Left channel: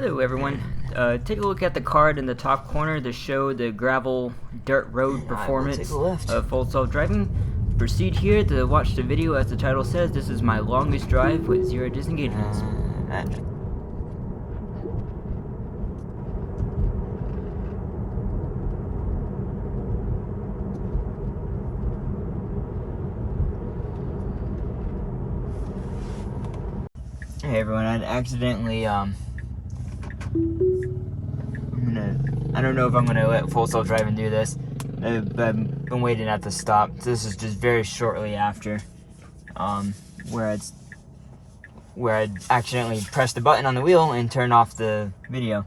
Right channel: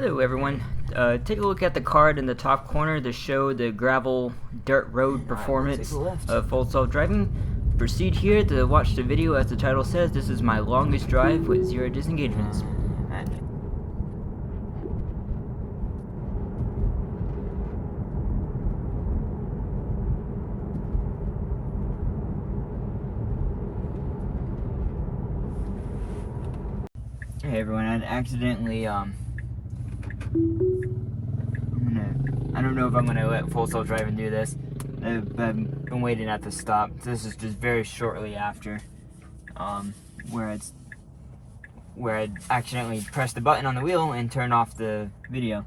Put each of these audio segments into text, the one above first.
Hello everyone. Take a look at the card in the top corner to show the gravel dirt road performance of full self-driving. Proceed here to watch the video. As the title says, this is my longest drive with 0 disengagements. Hey everyone, I accidentally I don't know if I'm gonna let full self-driving do this. I've been waiting at the stop. This is just very shortly after where I accidentally pressed the button on the wheel and turned off the video.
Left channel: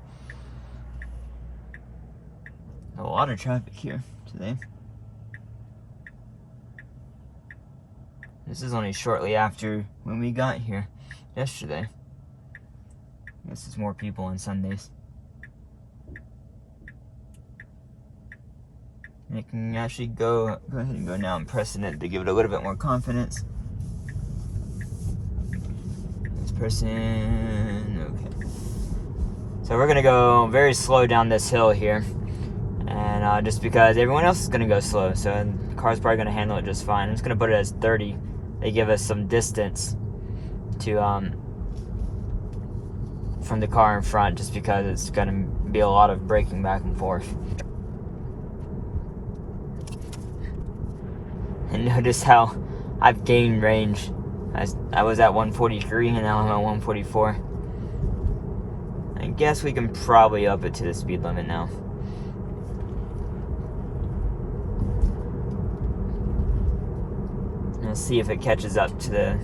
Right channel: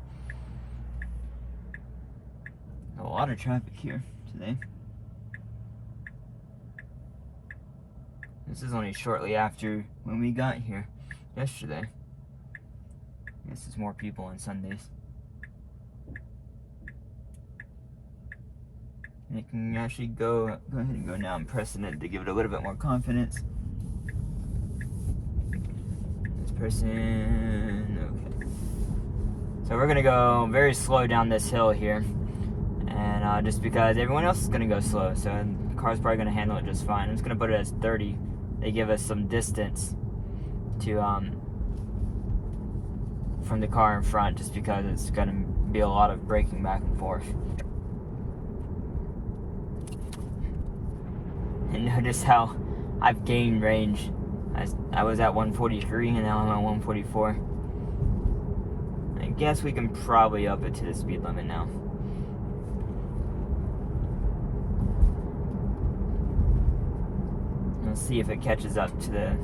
A lot of traffic here today. This is only shortly after when we got here yesterday. This is more people on Sundays. And it can actually go ahead and go now. I'm pressing it to give it a little bit more confidence. This person, okay. So we're gonna go very slow down this hill here. And just because everyone else is gonna go slow, so the car's probably gonna handle it just fine. I'm just gonna put it as 30. They give us some distance to from the car in front, just because it's gonna be a lot of braking back and forth. And notice how I've gained range. I was at 143 and now I'm at 144. I guess we can probably up it to the speed limit now. Let's see if it catches up to the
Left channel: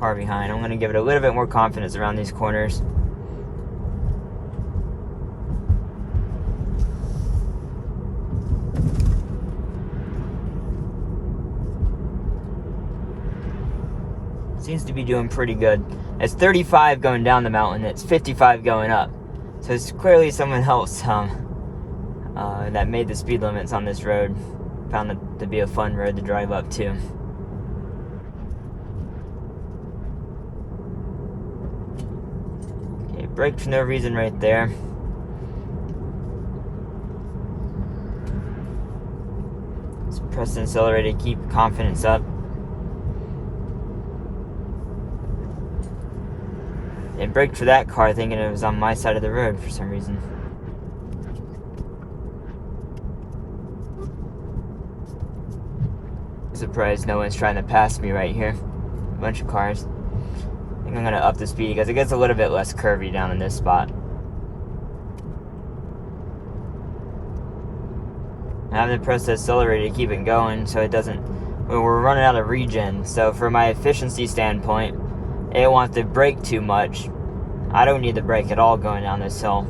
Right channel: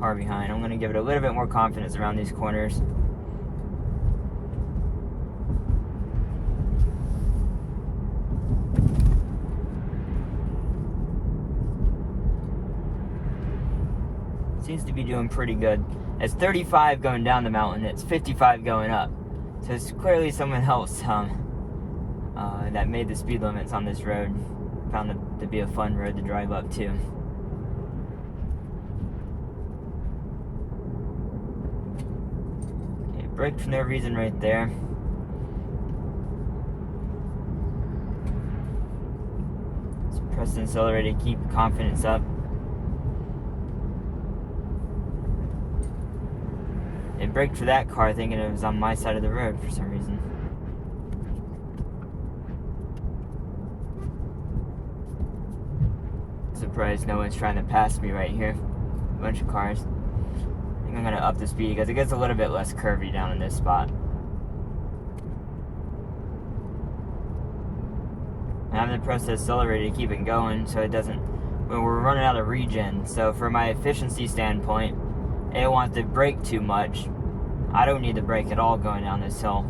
car behind. I'm gonna give it a little bit more confidence around these corners. Seems to be doing pretty good. It's 35 going down the mountain, it's 55 going up. So it's clearly someone else that made the speed limits on this road. Found it to be a fun road to drive up to. Okay, brake for no reason right there. Just press and accelerate to keep confidence up. It braked for that car thinking it was on my side of the road for some reason. Surprised no one's trying to pass me right here. A bunch of cars. I think I'm gonna up the speed because it gets a little bit less curvy down in this spot. I have to press the accelerator to keep it going so it doesn't... Well, we're running out of regen, so from my efficiency standpoint, it didn't want to brake too much. I don't need to brake at all going down this hill.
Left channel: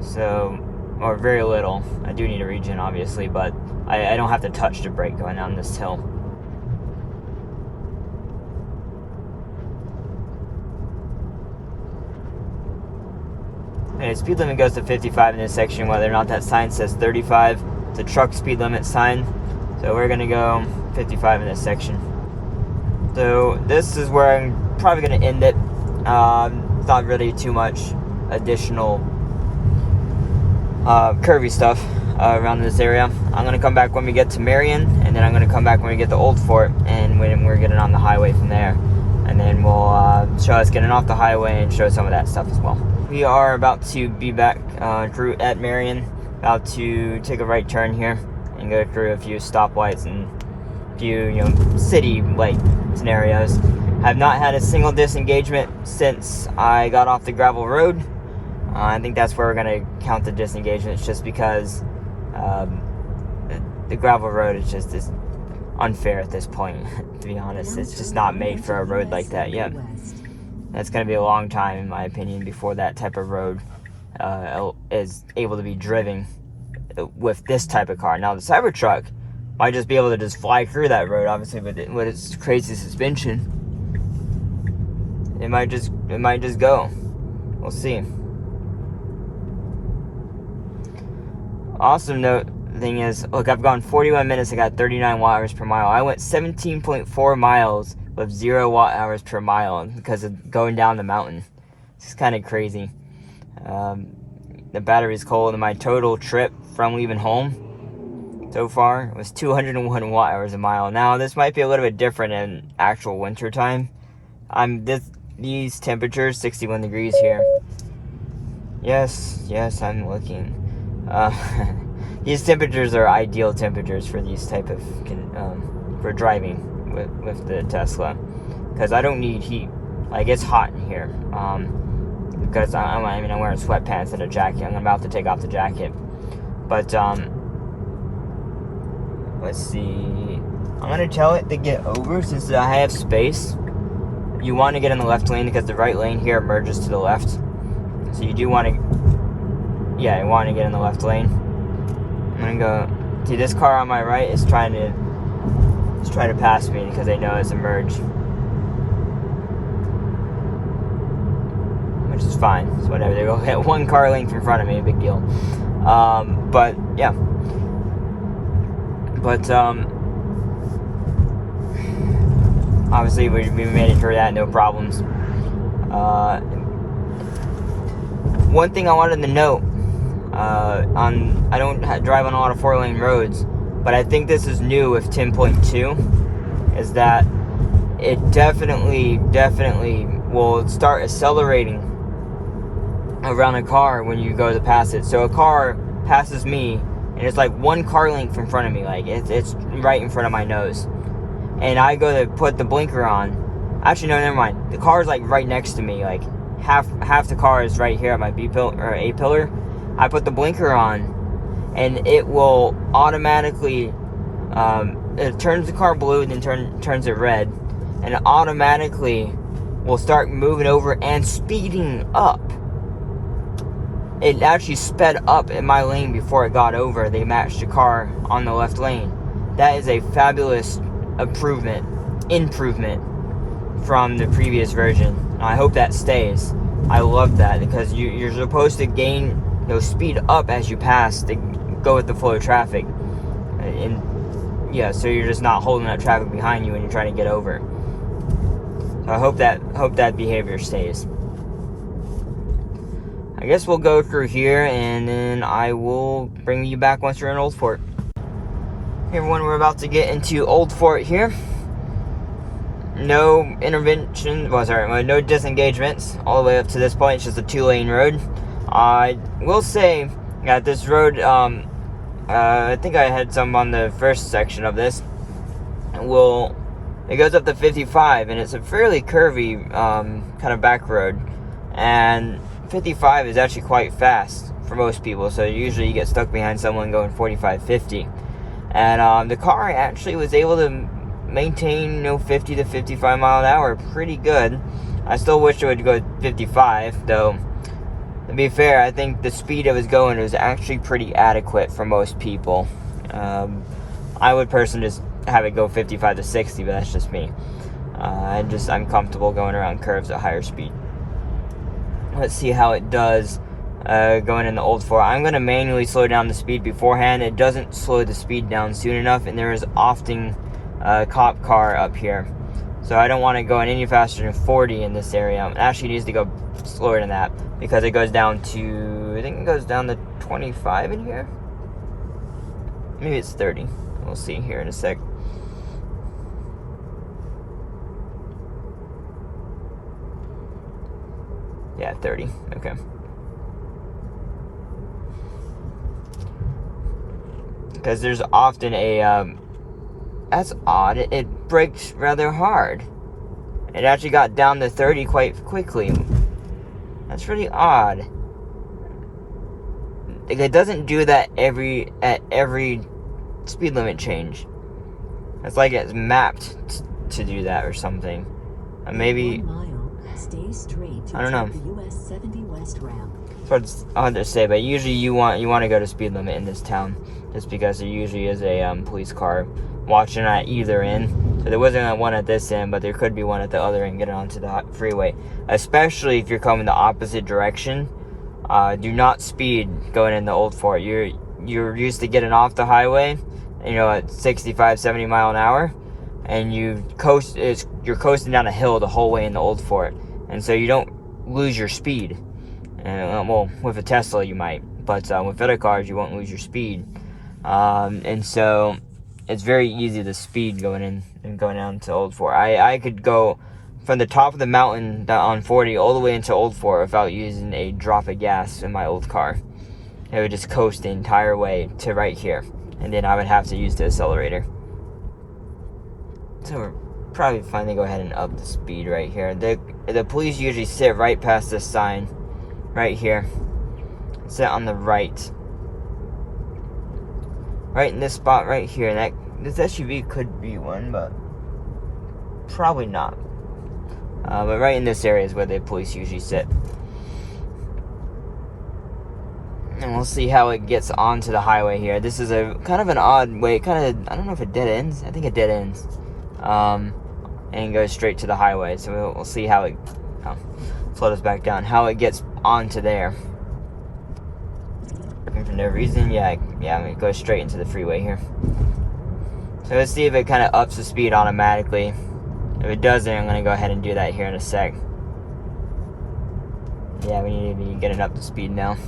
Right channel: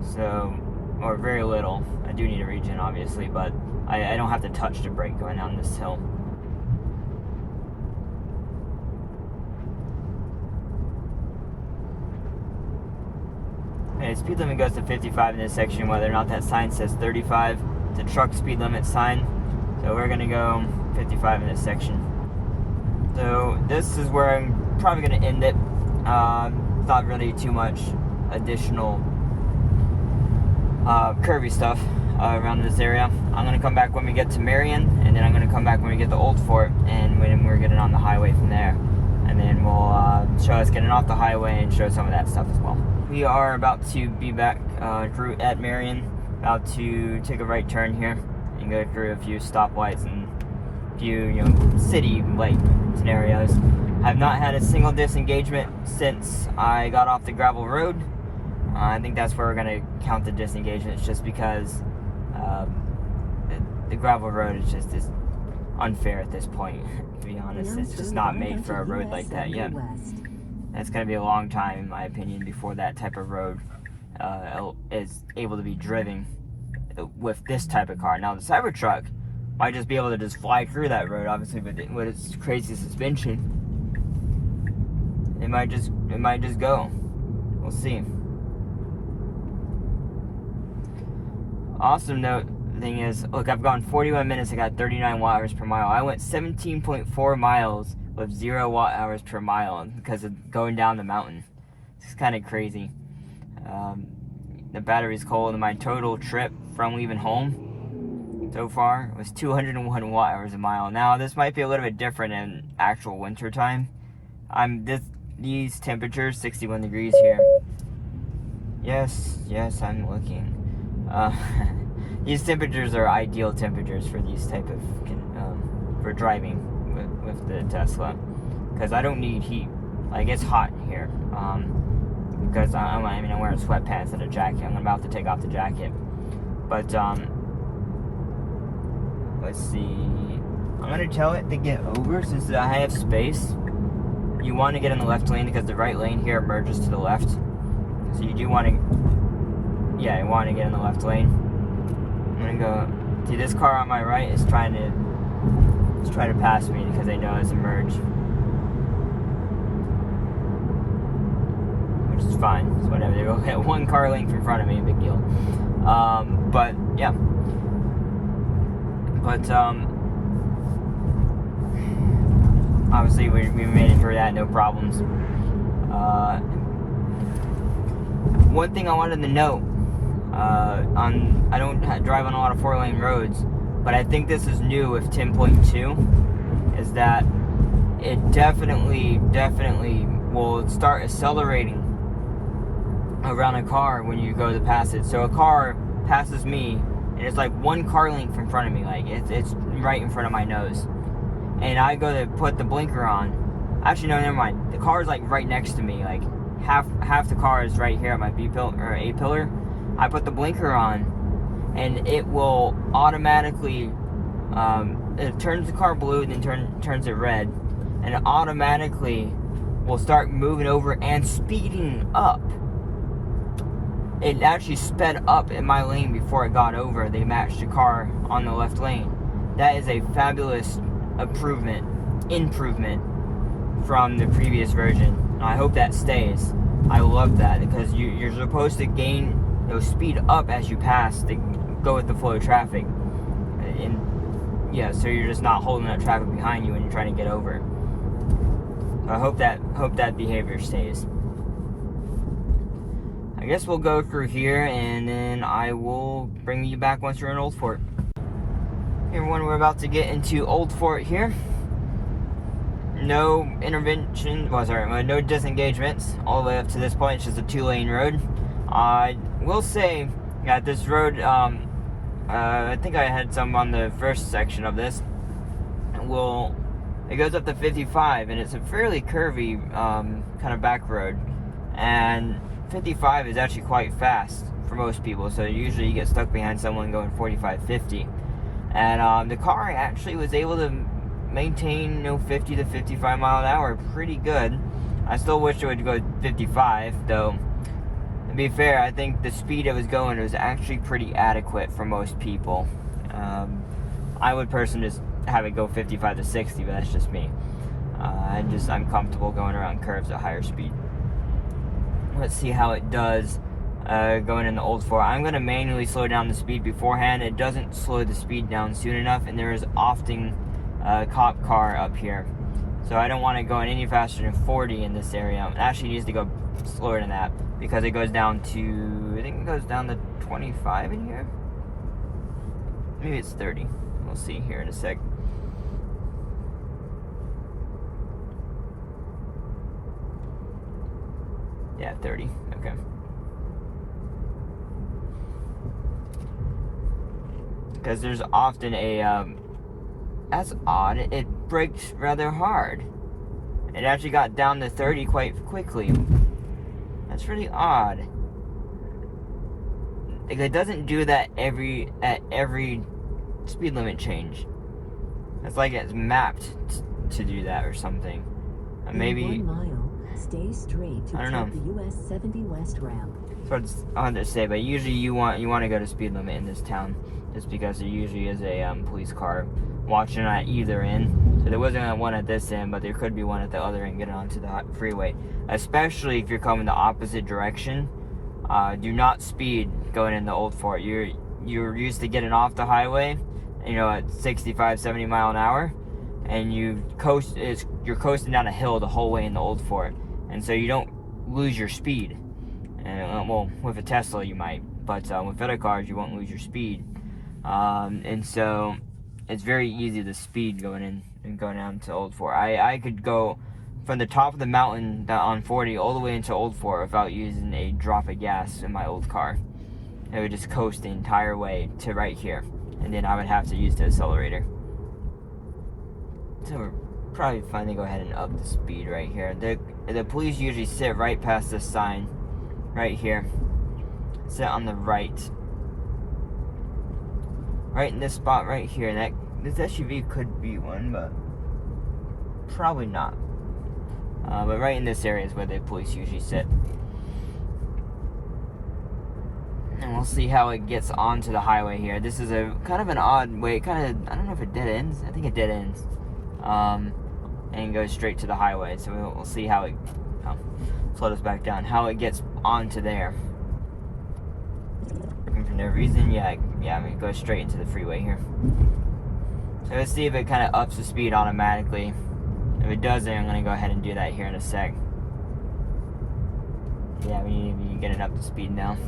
So, or very little. I do need a regen obviously, but I don't have to touch the brake going down this hill. Okay, speed limit goes to 55 in this section, whether or not that sign says 35. It's a truck speed limit sign. So we're gonna go 55 in this section. So this is where I'm probably going to end it. Not really too much additional curvy stuff around this area. I'm going to come back when we get to Marion, and then I'm going to come back when we get to Old Fort, and when we're getting on the highway from there. And then we'll show us getting off the highway and show some of that stuff as well. We are about to be back at Marion, about to take a right turn here and go through a few stoplights and few, city light scenarios. I've not had a single disengagement since I got off the gravel road. I think that's where we're gonna count the disengagements, just because the gravel road is just unfair at this point. To be honest, it's just not made for a road like that yet. It's gonna be a long time, in my opinion, before that type of road is able to be driven with this type of car. Now the Cybertruck might just be able to just fly through that road, obviously, but with its crazy suspension, it might just go. We'll see. Awesome note thing is, look, I've gone 41 minutes. I got 39 watt-hours per mile. I went 17.4 miles with 0 watt-hours per mile because of going down the mountain. It's kind of crazy. The battery's cold, and my total trip from leaving home so far was 201 watt-hours a mile. Now, this might be a little bit different in actual winter time. These temperatures, 61 degrees here. Yes, I'm looking. These temperatures are ideal temperatures for these type of for driving with the Tesla, because I don't need heat. Like, it's hot in here. Because I'm wearing sweatpants and a jacket. I'm about to take off the jacket. But let's see. I'm gonna tell it to get over since I have space. You want to get in the left lane because the right lane here merges to the left. So you do want to, you want to get in the left lane. I'm gonna go. See, this car on my right is trying to pass me because they know it's a merge, which is fine. It's whatever. They go hit one car length in front of me, big deal. But yeah. But obviously we made it through that, no problems. One thing I wanted to note, I don't drive on a lot of 4-lane roads, but I think this is new with 10.2, is that it definitely will start accelerating around a car when you go to pass it. So a car passes me, and it's like one car length in front of me, like it's right in front of my nose, and I go to put the blinker on. Actually, no, never mind. The car is like right next to me, like half the car is right here at my B pillar or A pillar. I put the blinker on, and it will automatically it turns the car blue and then turns it red, and it automatically will start moving over and speeding up. It actually sped up in my lane before it got over. They matched the car on the left lane. That is a fabulous improvement from the previous version. I hope that stays. I love that, because you're supposed to gain speed up as you pass to go with the flow of traffic. And yeah, so you're just not holding that traffic behind you when you're trying to get over. So I hope that behavior stays. I guess we'll go through here, and then I will bring you back once you're in Old Fort. Hey everyone, we're about to get into Old Fort here. No intervention, no disengagements all the way up to this point. It's just a 2-lane road. I will say that this road, I think I had some on the first section of this. It goes up to 55, and it's a fairly curvy kind of back road. And 55 is actually quite fast for most people, so usually you get stuck behind someone going 45, 50. And the car actually was able to maintain 50 to 55 mile an hour pretty good. I still wish it would go 55, though. To be fair, I think the speed it was going was actually pretty adequate for most people. I would personally just have it go 55 to 60, but that's just me. I'm comfortable going around curves at higher speed. Let's see how it does going in the Old Fort. I'm going to manually slow down the speed beforehand. It doesn't slow the speed down soon enough, and there is often a cop car up here. So I don't want to go any faster than 40 in this area. It actually needs to go slower than that, because it goes down to, I think it goes down to 25 in here. Maybe it's 30. We'll see here in a sec. Yeah, 30. Okay. Because there's often a, that's odd. It brakes rather hard. It actually got down to 30 quite quickly. That's really odd. Like, it doesn't do that at every speed limit change. It's like it's mapped to do that or something. Maybe. Stay straight to I don't know. The US 70 West ramp. So it's hard to say, but usually you want to go to speed limit in this town, just because there usually is a police car watching at either end. So there wasn't one at this end, but there could be one at the other end getting onto the freeway. Especially if you're coming the opposite direction. Do not speed going in the Old Fort. You're used to getting off the highway, at 65, 70 mile an hour, and you're coasting down a hill the whole way in the Old Fort. And so you don't lose your speed. And well, with a Tesla you might, but with other cars you won't lose your speed. And so it's very easy to speed going in and going down to Old Fort. I could go from the top of the mountain on 40 all the way into Old Fort without using a drop of gas in my old car. It would just coast the entire way to right here, and then I would have to use the accelerator. So we're probably finally go ahead and up the speed right here. The police usually sit right past this sign right here. Sit on the right in this spot right here. That this SUV could be one, but probably not. But right in this area is where the police usually sit. And we'll see how it gets onto the highway here. This is a kind of an odd way. I don't know if it dead ends. I think it dead ends. And goes straight to the highway. So we'll see how it float us back down. How it gets onto there. And for no reason, yeah, it goes straight into the freeway here. So let's see if it kind of ups the speed automatically. If it doesn't, I'm going to go ahead and do that here in a sec. Yeah, we need to be getting up to speed now.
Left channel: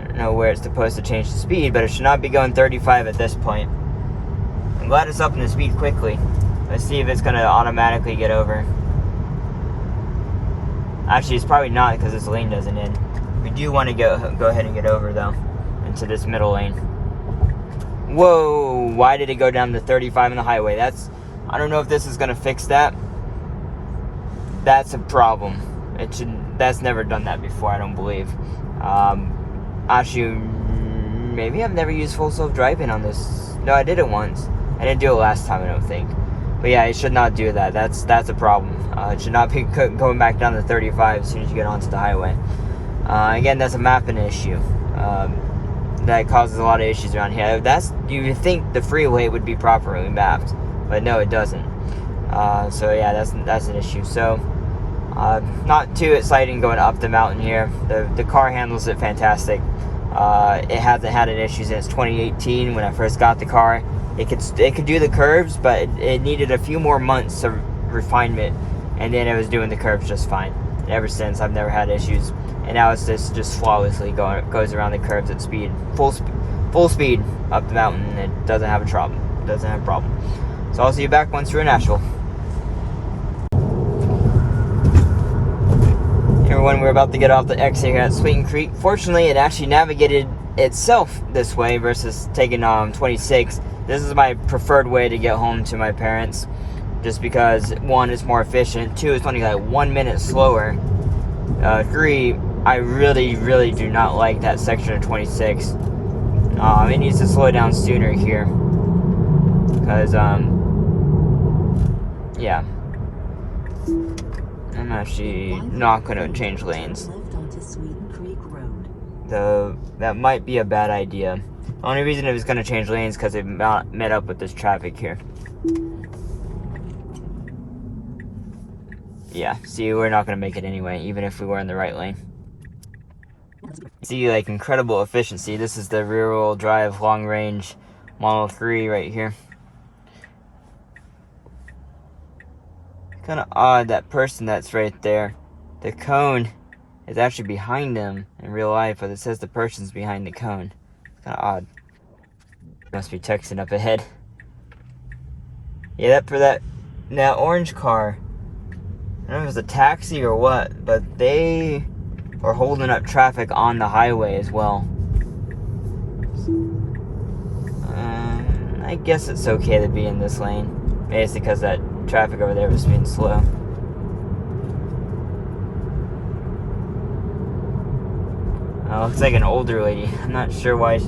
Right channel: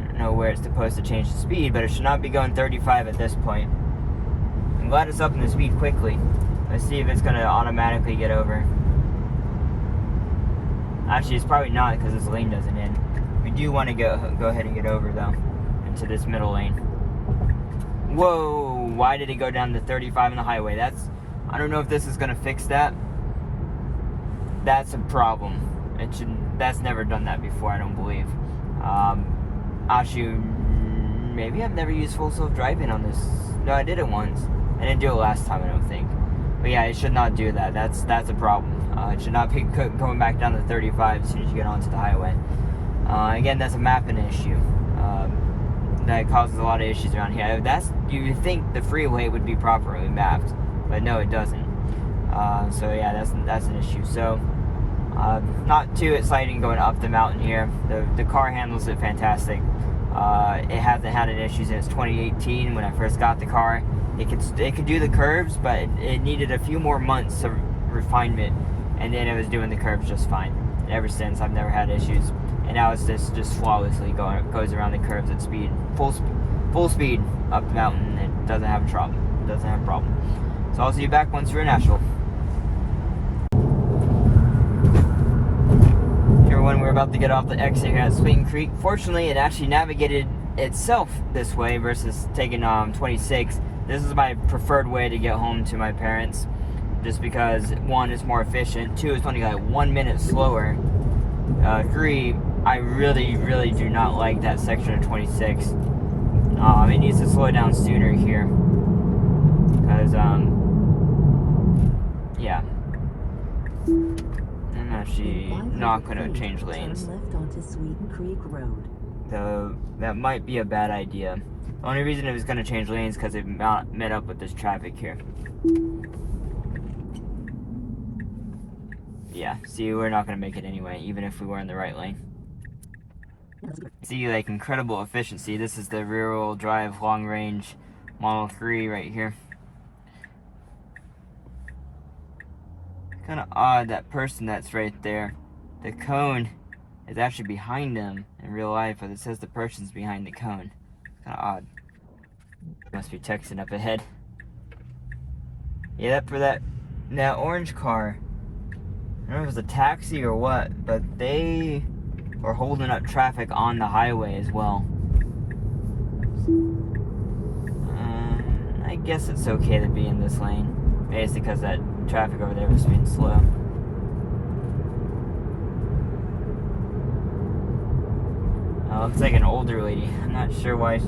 I don't know where it's supposed to change the speed, but it should not be going 35 at this point. I'm glad it's upping the speed quickly. Let's see if it's going to automatically get over. Actually, it's probably not because this lane doesn't end. We do want to go ahead and get over, though, into this middle lane. Whoa, why did it go down to 35 on the highway? I don't know if this is going to fix that. That's a problem. That's never done that before, I don't believe. Actually, maybe I've never used full self-driving on this. No, I did it once. I didn't do it last time, I don't think. But yeah, it should not do that. That's a problem. It should not be going back down to 35 as soon as you get onto the highway. Again, that's a mapping issue. That causes a lot of issues around here. You would think the freeway would be properly mapped, but no, it doesn't. So yeah, that's an issue. So not too exciting going up the mountain here. The car handles it fantastic. It hasn't had an issue since 2018 when I first got the car. It could do the curves, but it needed a few more months of refinement, and then it was doing the curves just fine. And ever since, I've never had issues, and now it's just flawlessly goes around the curves at speed, full speed up the mountain. It doesn't have a problem. So I'll see you back once we're in Nashville. Hey everyone, we're about to get off the exit here at Sweeten Creek. Fortunately, it actually navigated itself this way versus taking 26. This is my preferred way to get home to my parents, just because 1, it's more efficient, 2, it's only like 1 minute slower, 3, I really do not like that section of 26. It needs to slow down sooner here, because yeah, I'm actually not going to change lanes. Though that might be a bad idea. The only reason it was going to change lanes because it met up with this traffic here. Yeah, see, we're not going to make it anyway, even if we were in the right lane. See, like, incredible efficiency. This is the rear-wheel drive long-range Model 3 right here. Kind of odd, that person that's right there. The cone is actually behind him in real life, but it says the person's behind the cone. It's kind of odd. Must be texting up ahead. Yeah, that orange car, I don't know if it was a taxi or what, but they were holding up traffic on the highway as well. I guess it's okay to be in this lane. Maybe it's because that traffic over there was being slow. Looks like an older lady. I'm not sure why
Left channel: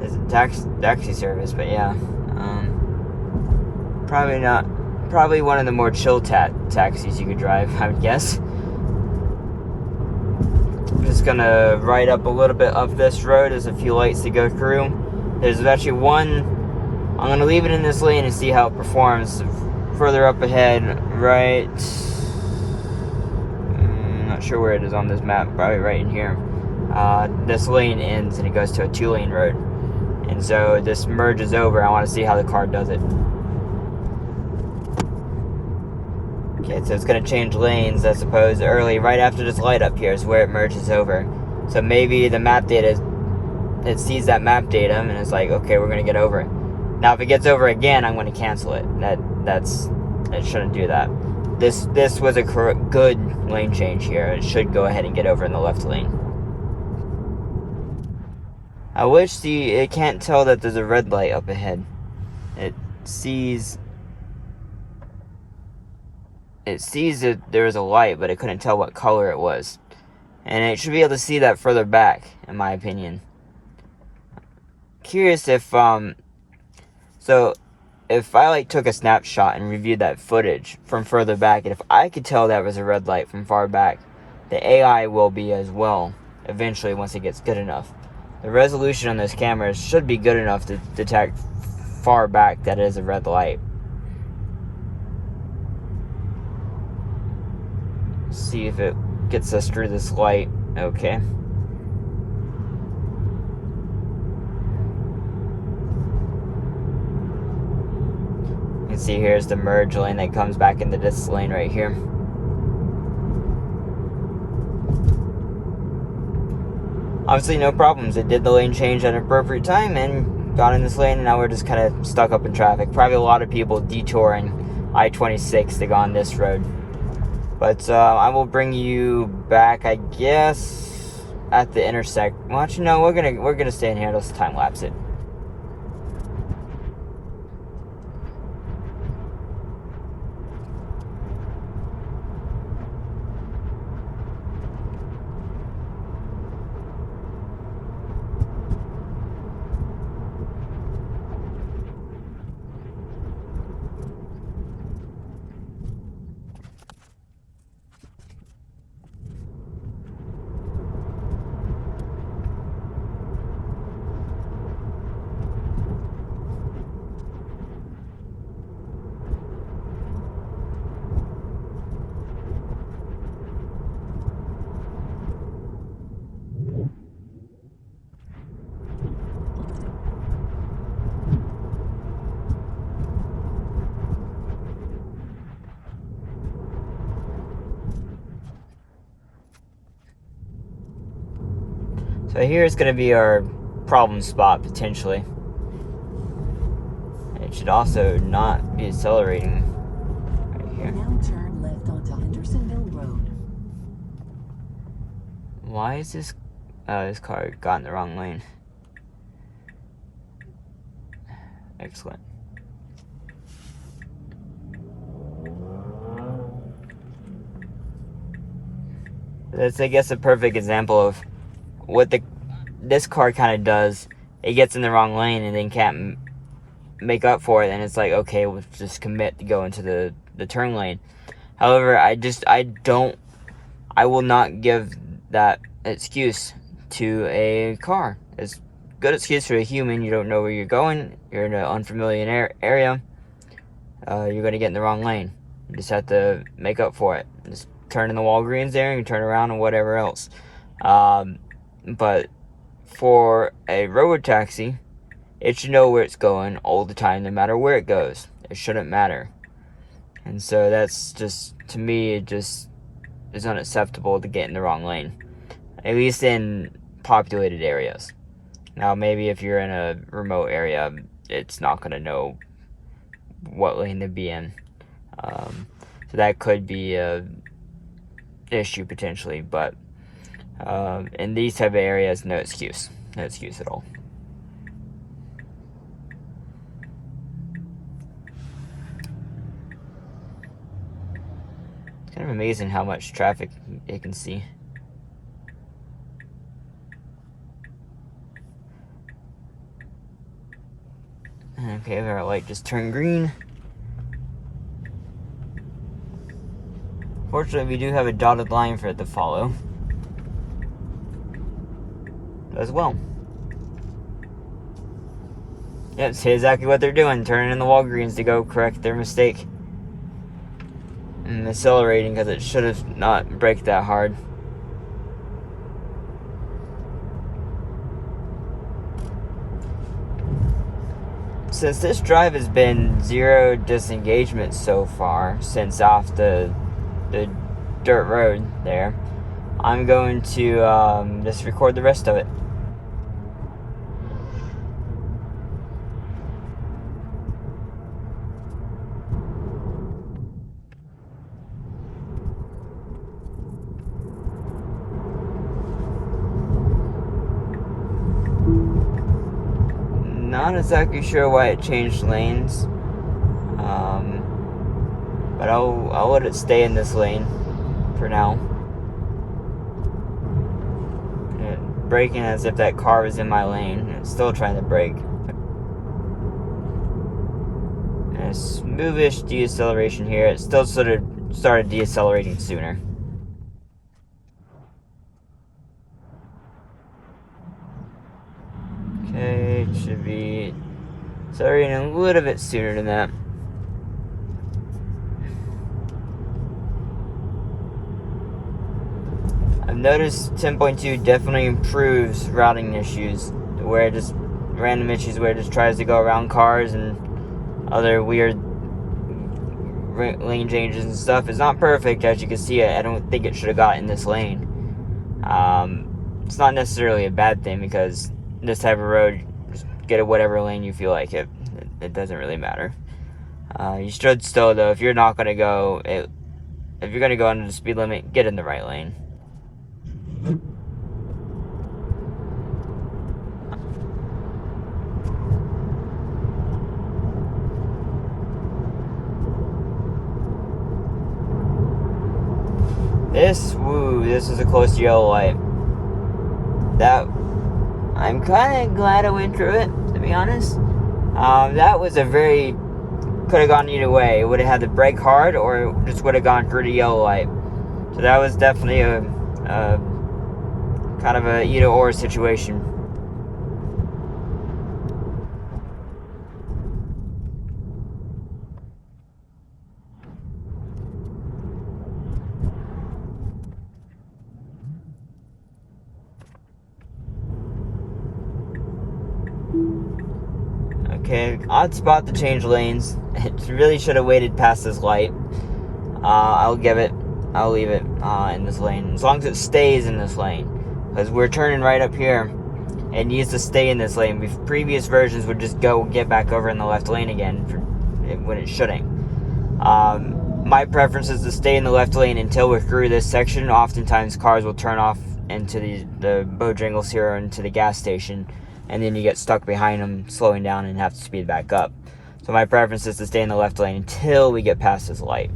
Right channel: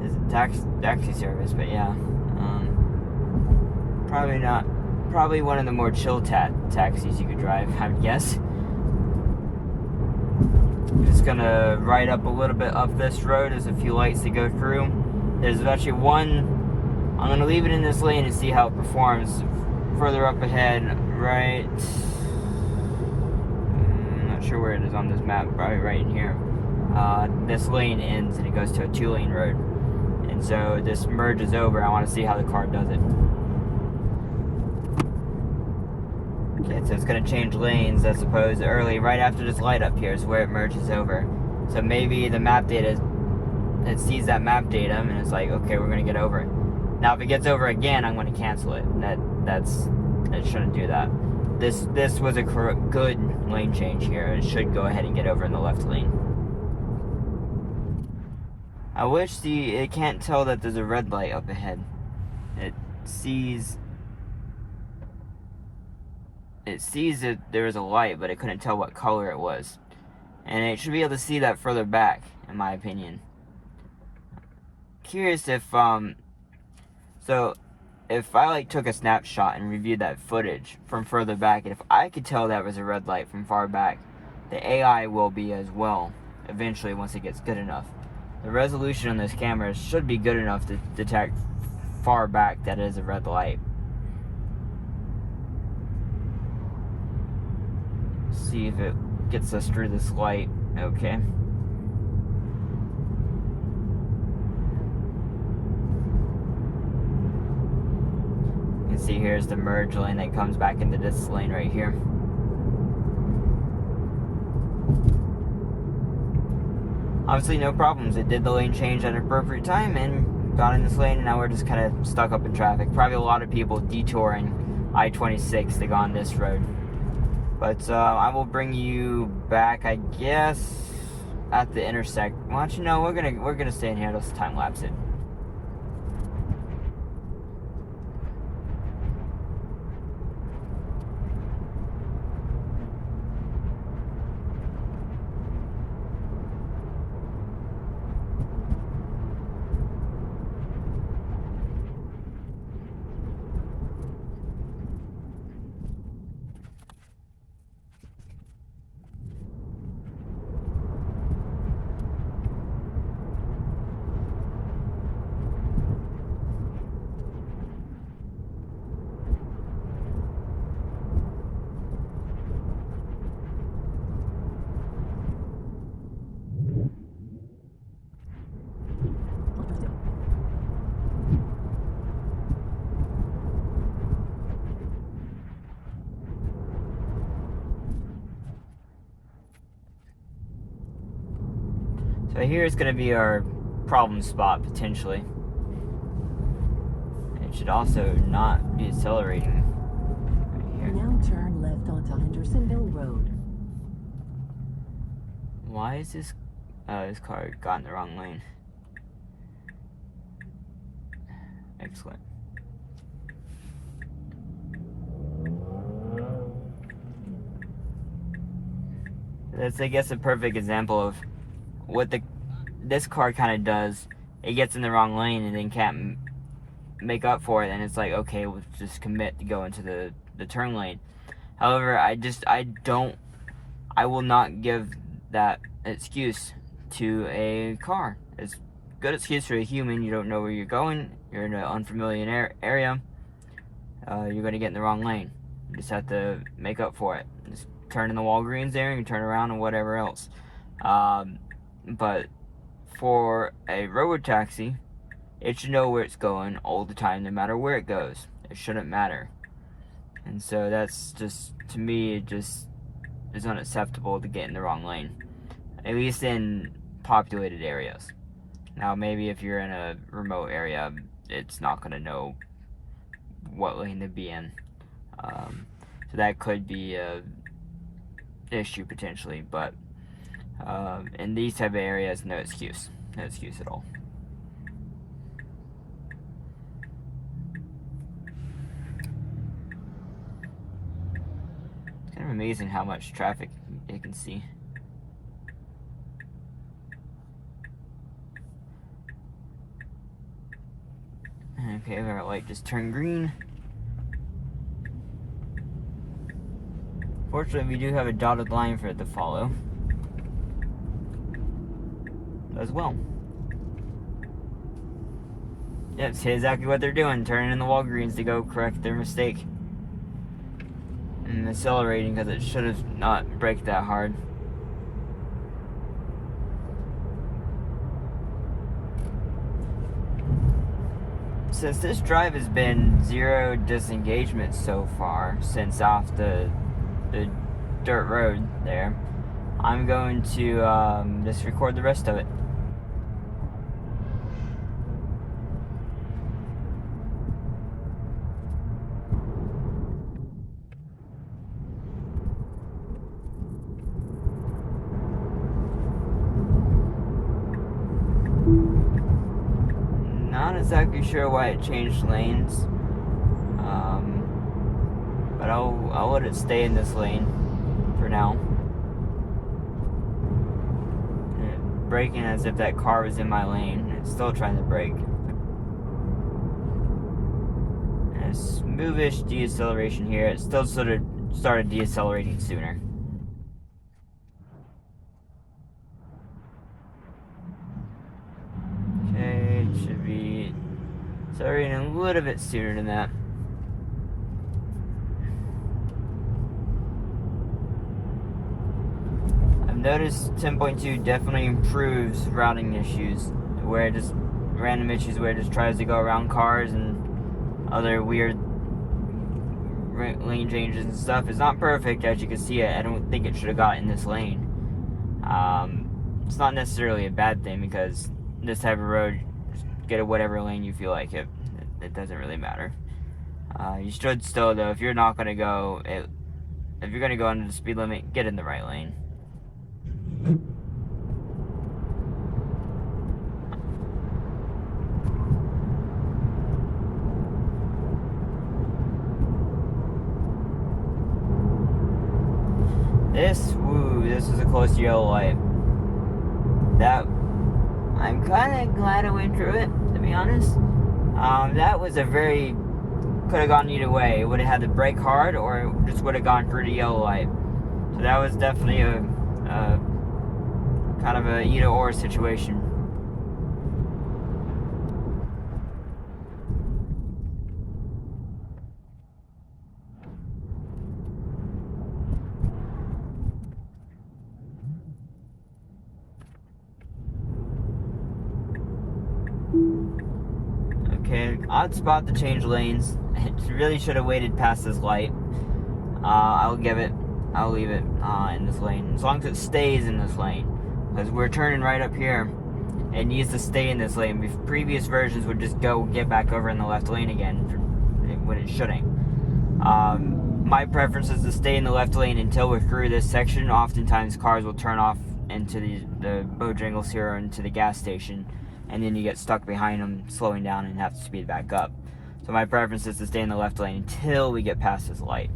there's a taxi service, but yeah. Probably not. Probably one of the more chill taxis you could drive, I would guess. I'm just gonna ride up a little bit up this road. There's a few lights to go through. There's actually one. I'm gonna leave it in this lane and see how it performs. Further up ahead, right. Not sure where it is on this map, probably right in here. This lane ends and it goes to a 2-lane road, and so this merges over. I want to see how the car does it. Okay, so it's gonna change lanes, I suppose, early, right after this light up here is where it merges over. So maybe the map data, it sees that map data and it's like, okay, we're gonna get over. Now, if it gets over again, I'm gonna cancel it. It shouldn't do that. This was a good lane change here. It should go ahead and get over in the left lane. I wish it can't tell that there's a red light up ahead. It sees that there is a light, but it couldn't tell what color it was. And it should be able to see that further back, in my opinion. Curious if so if I took a snapshot and reviewed that footage from further back, and if I could tell that was a red light from far back, the AI will be as well eventually once it gets good enough. The resolution on those cameras should be good enough to detect far back that it is a red light. See if it gets us through this light. Okay. You can see here's the merge lane that comes back into this lane right here. Obviously no problems. It did the lane change at an appropriate time and got in this lane, and now we're just kind of stuck up in traffic. Probably a lot of people detouring I-26 to go on this road. But I will bring you back, I guess, at the intersection. Well, actually, no, we're gonna stay in here. Let's time lapse it. So here's going to be our problem spot, potentially. It should also not be accelerating right here. Now turn left onto Hendersonville Road. Why is this car got in the wrong lane? Excellent. That's, I guess, a perfect example of what this car kind of does. It gets in the wrong lane and then can't make up for it, and it's like, okay, we'll just commit to go into the turn lane. However, I will not give that excuse to a car. It's a good excuse for a human. You don't know where you're going, you're in an unfamiliar area, you're going to get in the wrong lane. You just have to make up for it. Just turn in the Walgreens there and you turn around and whatever else. But for a road taxi, it should know where it's going all the time, no matter where it goes. It shouldn't matter. And so that's just, to me, it just is unacceptable to get in the wrong lane, at least in populated areas. Now, maybe if you're in a remote area, it's not going to know what lane to be in. So that could be a issue potentially, but in these type of areas, no excuse at all. It's kind of amazing how much traffic it can see. Okay, our light just turned green. Fortunately, we do have a dotted line for it to follow as well. Yep, see exactly what they're doing, turning in the Walgreens to go correct their mistake. And accelerating because it should have not braked that hard. Since this drive has been 0 disengagements so far, since off the dirt road there, I'm going to just record the rest of it. Not exactly sure why it changed lanes, but I'll let it stay in this lane for now. Braking as if that car was in my lane, and it's still trying to brake. And a smoothish deceleration here. It still sort of started decelerating sooner. Okay, it should be accelerating a little bit sooner than that. I've noticed 10.2 definitely improves routing issues, where it just random issues where it just tries to go around cars and other weird lane changes and stuff. It's not perfect, as you can see. I don't think it should have got in this lane. It's not necessarily a bad thing, because this type of road, just get it whatever lane you feel like. It doesn't really matter. You should still, though, if you're not going to go, if you're going to go under the speed limit, get in the right lane. This is a close yellow light. I'm kind of glad I went through it, to be honest. That was could have gone either way. It would have had to brake hard, or it just would have gone through the yellow light. So that was definitely a kind of a either or situation. Okay, odd spot to change lanes. It really should have waited past this light. I'll leave it in this lane, as long as it stays in this lane, because we're turning right up here. It needs to stay in this lane. Previous versions would just get back over in the left lane again when it shouldn't. My preference is to stay in the left lane until we're through this section. Oftentimes cars will turn off into the Bojangles here, or into the gas station, and then you get stuck behind them, slowing down, and have to speed back up. So my preference is to stay in the left lane until we get past this light.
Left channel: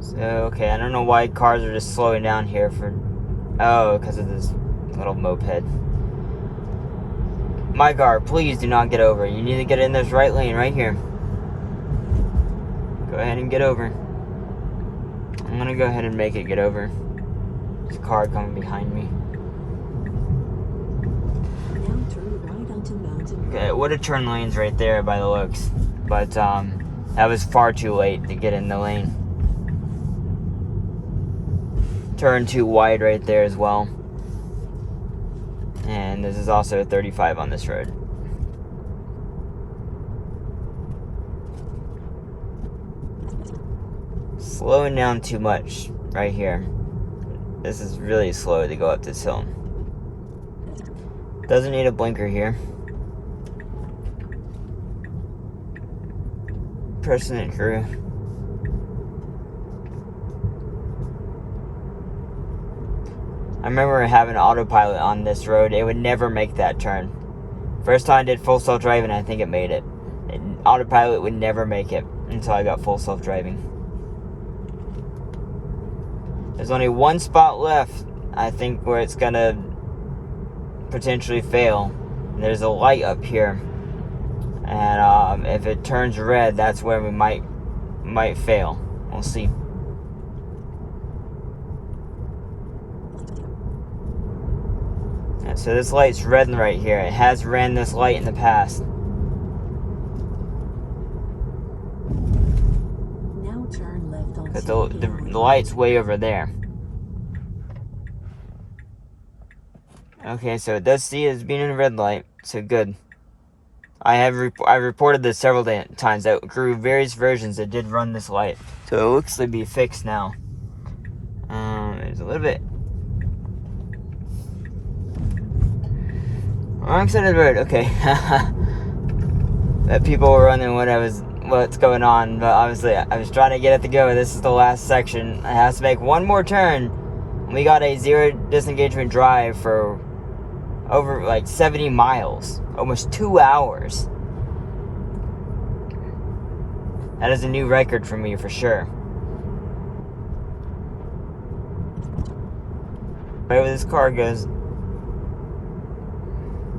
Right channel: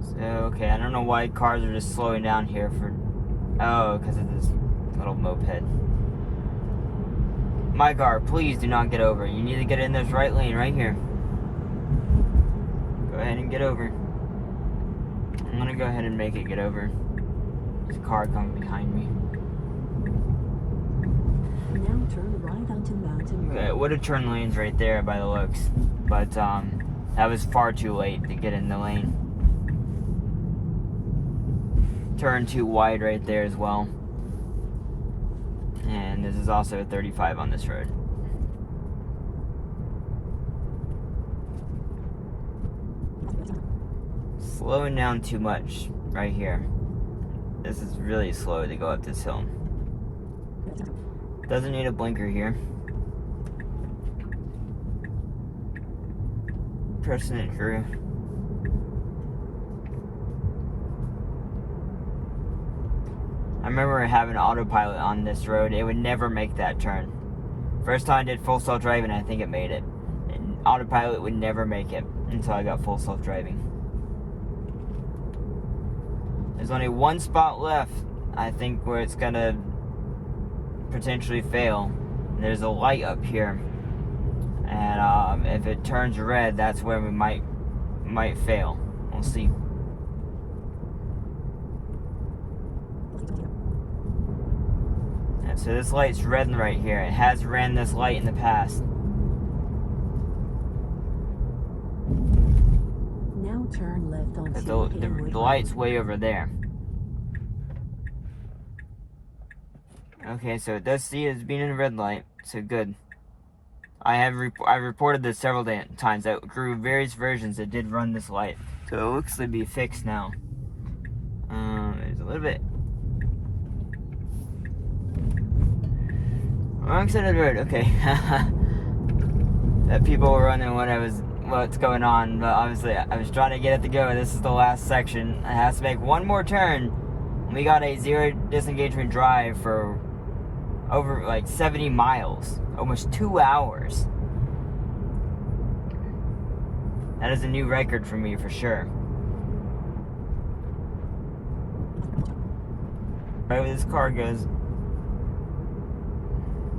So, okay, I don't know why cars are just slowing down here because of this little moped. My car, please do not get over. You need to get in this right lane right here. Go ahead and get over. I'm gonna go ahead and make it get over. There's a car coming behind me. Now turn right onto Mountain Road. Okay, it would have turned lanes right there by the looks, but that was far too late to get in the lane. Turn too wide right there as well. And this is also a 35 on this road. Slowing down too much right here. This is really slow to go up this hill. Doesn't need a blinker here. Pressing it through. I remember having autopilot on this road. It would never make that turn. First time I did full self-driving, I think it made it. And autopilot would never make it until I got full self-driving. There's only one spot left, I think, where it's gonna potentially fail. There's a light up here, and if it turns red, that's where we might fail. We'll see. So this light's red right here. It has ran this light in the past. the light's way over there. Okay, so it does see as being in a red light, so good. I reported this several times that through various versions that did run this light, so it looks to be fixed now. It's a little bit. Wrong side of the road. Okay. That people were wondering what's going on, but obviously I was trying to get it to go. This is the last section. I have to make one more turn. We got a 0 disengagement drive for over like 70 miles, almost 2 hours. That is a new record for me for sure. Right where this car goes.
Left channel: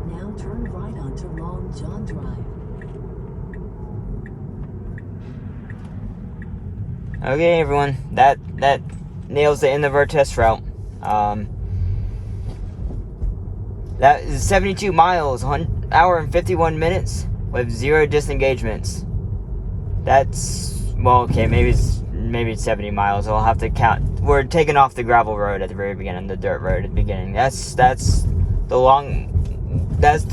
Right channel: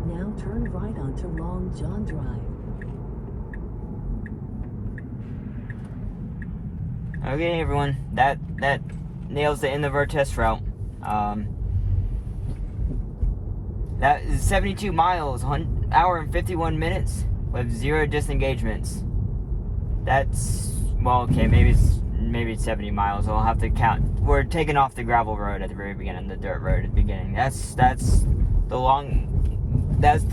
Now turn right onto Long John Drive. Okay, everyone, that nails the end of our test route. That is 72 miles, 1 hour and 51 minutes with 0 disengagements. That's, well, okay, maybe it's 70 miles. I'll have to count. We're taking off the gravel road at the very beginning, the dirt road at the beginning. That's the longest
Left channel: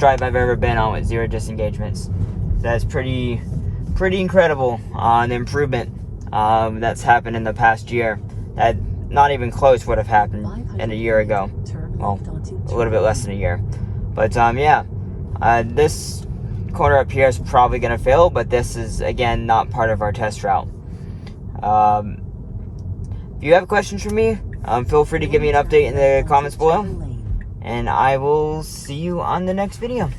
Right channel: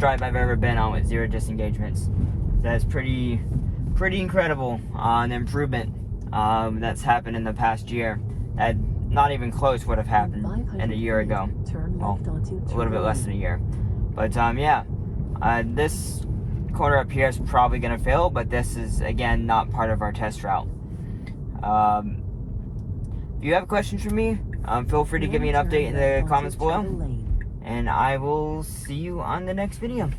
drive I've ever been on with 0 disengagements. That's pretty incredible. The improvement that's happened in the past year. That not even close would have happened in a year ago. Well, a little bit less than a year. But yeah, this corner up here is probably going to fail, but this is, again, not part of our test route. If you have questions for me, feel free to give me an update in the comments below, and I will see you on the next video.